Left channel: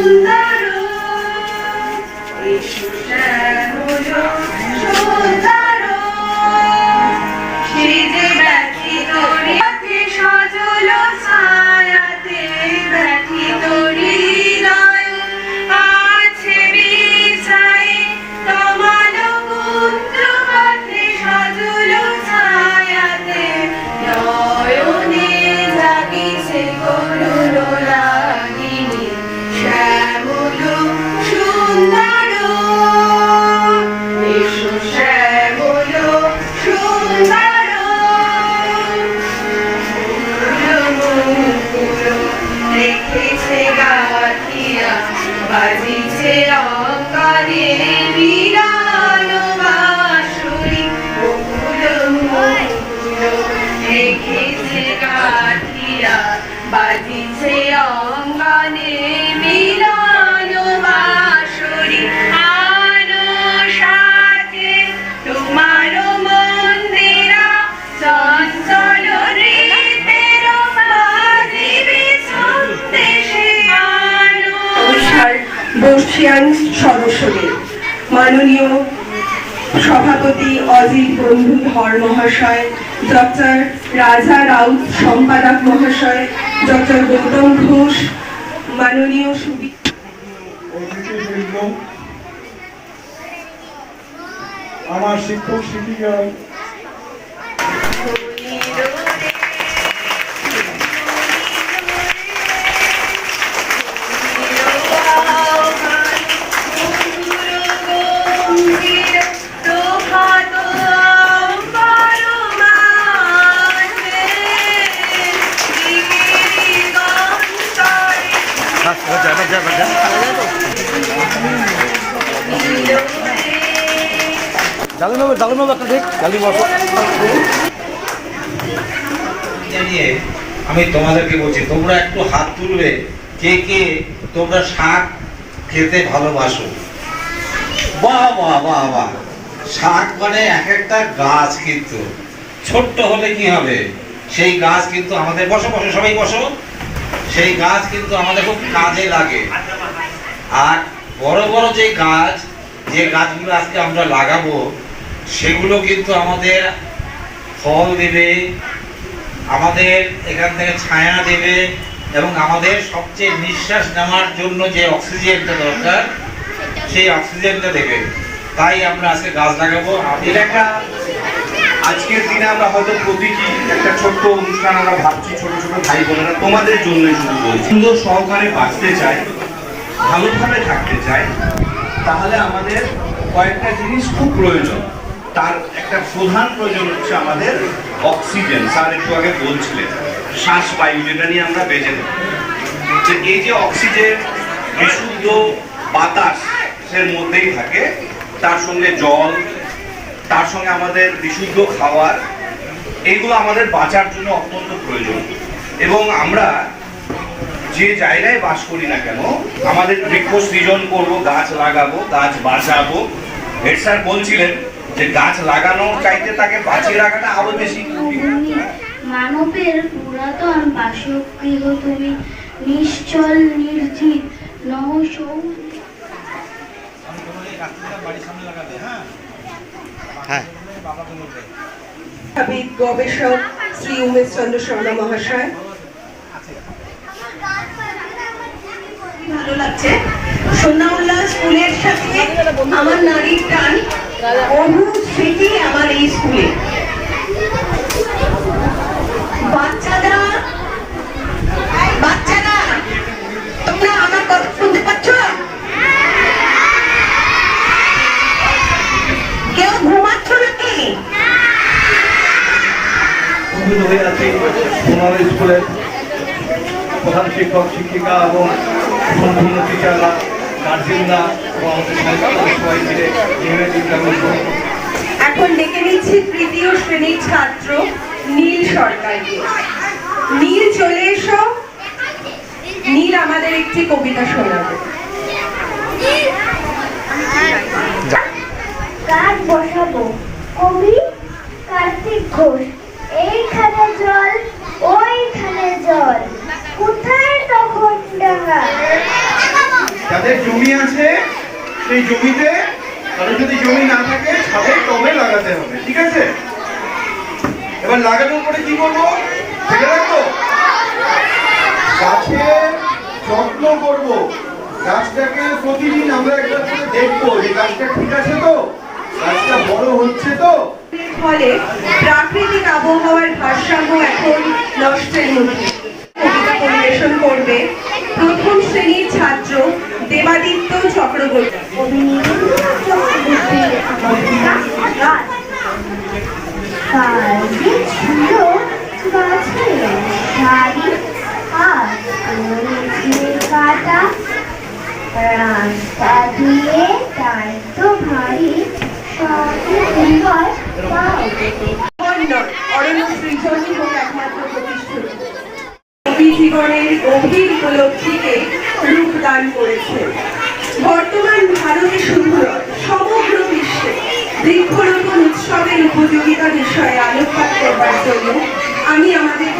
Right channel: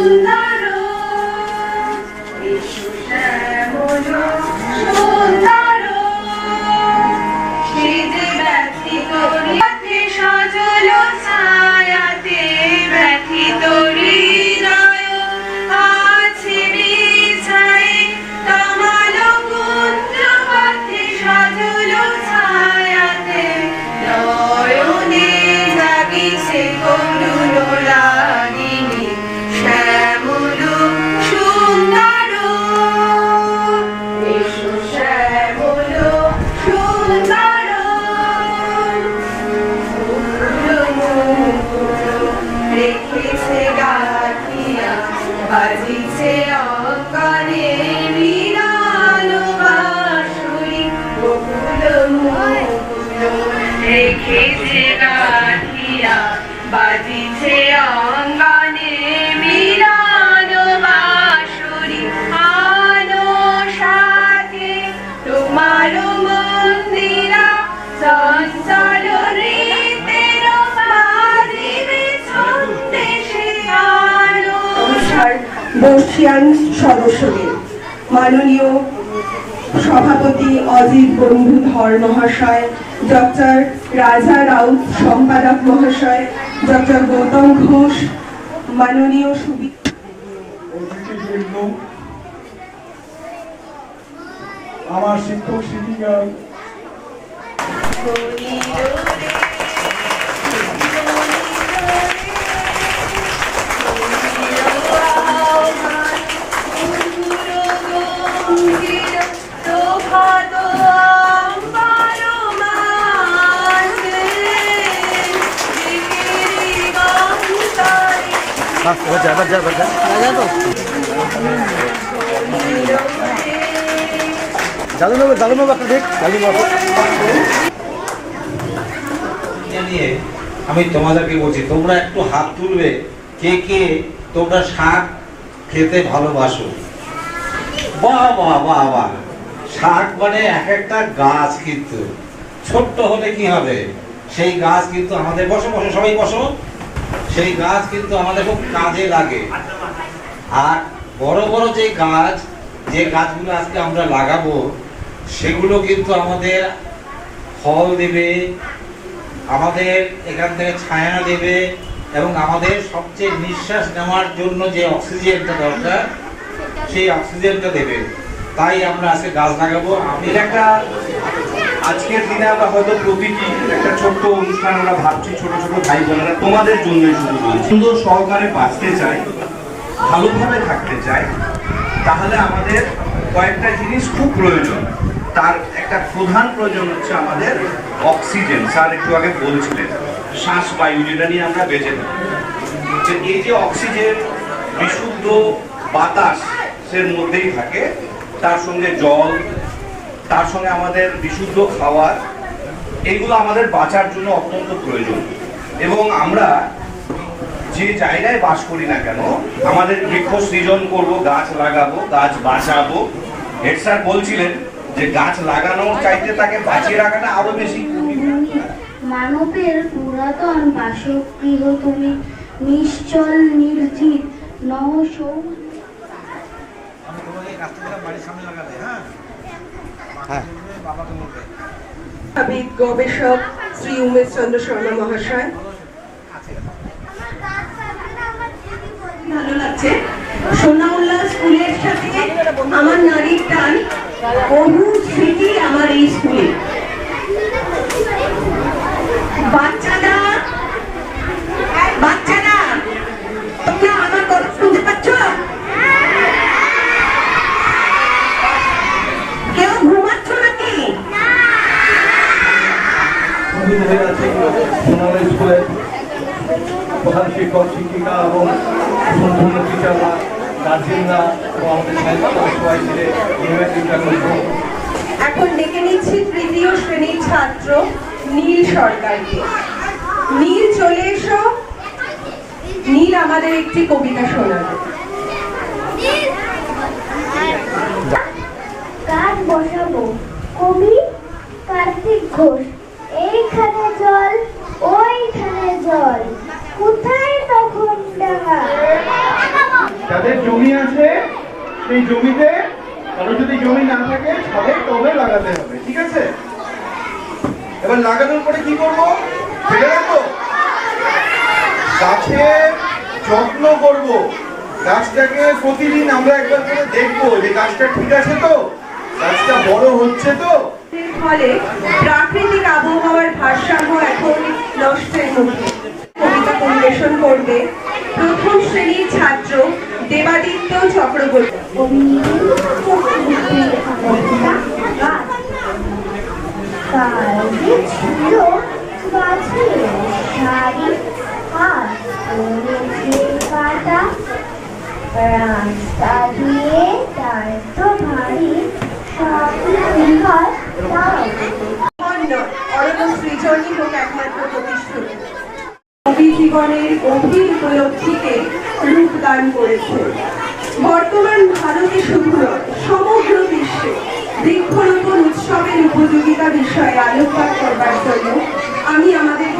সুন্দর এসো শ্যামল সুন্দর সেজে ব্যথিত হৃদয়ে সজল ছায়াতে ব্যথিত হৃদয় আছে বিছায়ে তমাল পুত্র পথে সজল ছায়াতে নয়নে জাগিছে করুণ রাগিনী শ্যামল সুন্দর এসো শ্যামল সুন্দর রেখেছে গাথিয়া বাজিছে অঙ্গনে বিরান বাঁশুরি বকুল মুকুল রেখেছে গাথিয়া বাজিছে অঙ্গনে বিরান বাঁশুরি আলো সাথে তোমার মন্দিরা চঞ্চল রীতের বাজিবে সন্দেশে আলো। নমস্কার বর্ষিয়ান সদস্যদের, মাননীয় সভাপতি অজিত বন্ধু ধর মহাশয়, ডক্টর রাজা রাউত সম্পাদক মহাশয়, ডক্টর গৌতম ঘোষ, মাননীয় আমার শিক্ষক শিক্ষিকা আমি তোমাদেরকে বলছি, তোমরা একটু হাত তুলবে কে কে তোমরা শাক খেতে ভালোবাসো। বাহ বাহ বাহ বাহ। শাক মানে এক একটা গাছ, কিন্তু ছোট্ট হলে কি হবে, সেই গাছ কিন্তু আমাদের বসো বসো সবাই বসো, সেই গাছ কিন্তু আমাদের খুব কাজে লাগে। আর বড় বড় যে গাছ, যে গাছগুলো আজকে আমরা লাগাবো, সেগুলো কিন্তু আমাদের ফল দেবে, আমাদের এখান থেকে ছায়া দেবে, এবং আমাদের সবচেয়ে নিঃশ্বাস নেওয়ার জন্য যে অক্সিজেনটা দরকার, সেই অক্সিজেনটা দেবে। তাই আমরা আজকে গাছ লাগাবো। এটা একটা আজকের দিনে আমরা হয়তো প্রতিটি একটা ছোট্ট অনুষ্ঠান আমরা ভাবছি, ছোট ছোট ভাই বোনেরা তোমাদের জন্যই শুরু করি। সুন্দর সহকারে বাঁচতে চাই, ভালোভাবে থাকতে চাই, তাহলে আমাদের কয়েকটা জিনিস খুব প্রয়োজন। তার একটা প্রধান প্রয়োজন হচ্ছে আমাদের অক্সিজেন। স্যার একটু আগে বলছিলেন শ্বাস বায়ু, যেটা নিয়ে আমরা বেঁচে থাকি। এই যে অক্সিজেন বিশুদ্ধ বাতাসের মধ্যেই থাকে, তার সঙ্গে জল, তার সঙ্গে আমাদের বিশুদ্ধ খাবার, এইগুলো আমাদের বাঁচার জন্য অত্যন্ত প্রয়োজন। এবং আমরা যে জায়গায় বাস করি না কেন, আমাদের বৃক্ষ সৃজন করবো, গাছ লাগাবো, গাছ বাঁচাবো। হেড স্যার বলছিলেন যে গাছ লাগানোর চাইতে তাকে বাঁচিয়ে রাখাটা আরো বেশি। মানবের পুরাতন বাসগৃহ তুমি, নিশ্চল নির্জিত নহসৌ। গবেষক শ্রী উমেশ চন্দ্র শর্মা মহাশয়। ভালো লাগছে সোনামুল্লা স্কুলের সাথে আমার নারীর টান, বহু স্মৃতি আমার এই স্কুলে। বাচ্চারা বাচ্চারা তোমরা আমার কথা শুনতে পাচ্ছ? কেউ ঘুমাচ্ছ নাকি? স্কুলের প্রধান শিক্ষক শিক্ষিকা এবং সম্পূর্ণ টিচাররা, গার্জেনরা এবং আমাদের সাহিত্যরা সবাই মিলে এখন ডেকে নিচ্ছি তৃতীয় শ্রেণীর ছাত্র নীল সরকারকে। নীল চলে এসো। নীল আমাদের একটি কবিতা শোনাবে। গান বসাবো, কবি কার্তিক ঘোষ। এইখানে জল, ওইখানে জল, কোথায় তখন ডাঙা? যাদের জমি আছে সেই জমিতে, কারণ যদি জমি না থাকে ছাদে টবে লাগাতে হবে, ঠিক আছে? এবার লাগানোর পরে কি করবো? ফেলে রাখবো? গাছের যত্ন করব, গাছটাকে প্রতিদিন আমরা একবার করে দেখবো যে গাছটা ঠিক আছে তো, গাছটা বড় হচ্ছে তো। ফলে প্রাকৃতিক আবহাওয়ার ভারসাম্য এখন নষ্টের মুখে। কবিতা পরিবেশন করবে প্রথম শ্রেণীর ছাত্র দেবাদিত্য চক্রবর্তী। কালকে ছিল গাছের সারি, আর করেছে কাটা, রাস্তা দিয়ে তার তো ভারী, সঙ্গে কি হয় তাও অরণ্য সৃজনই হোক একমাত্র প্রতিষ্ঠিত। কবি জীবনের গভীর উপলব্ধিকে রূপদান করেছে। বর্তমান ভারতে শুধু নয়, সমগ্র বিশ্বে বৃক্ষরোপণ উৎসবের উপযোগিতা বিষয়ে আলোকপাত করবার জন্য আমি আমাদের